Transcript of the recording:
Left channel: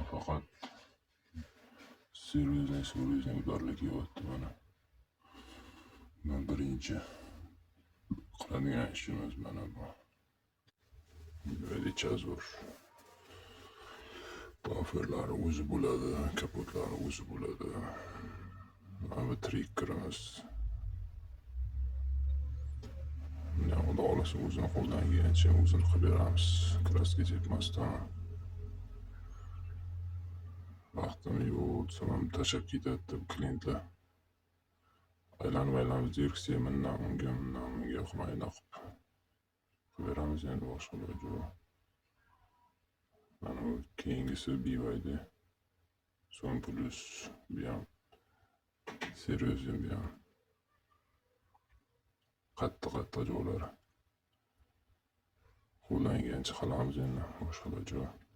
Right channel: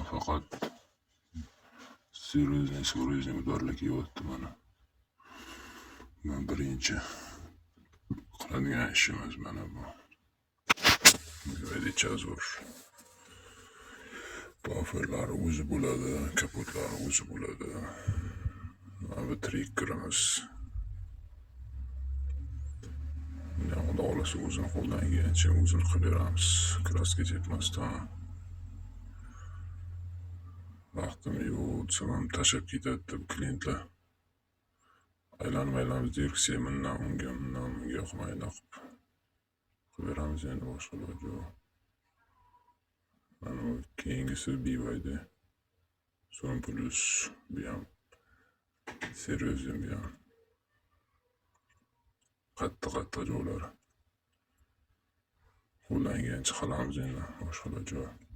men faqat seryo'zlik udarlik kelyapti mana. Men birinchi qiladigan ishimiz mana bu. Juda zo'r. Bufferlari o'zi bo'ladi, kapotlari o'zi bo'ladi. Mana trikkerimiz. Xudo xohlasa o'zini qo'ldan kelgancha o'zini qilib beramiz. Kraska ketmasdan. Vaqtim yo'q, desam ham tashlab ketadi klientlar. Aylanib direksiya bundan unga qilmaydi qilib beramiz endi boshqa iloji yo'q. Mana keyingisi BYD. So'ng plus bu ham seryo'zim bu ham. Qattiq joylari. Qo'ldan kelgancha qilamiz endi boshqa iloji yo'q.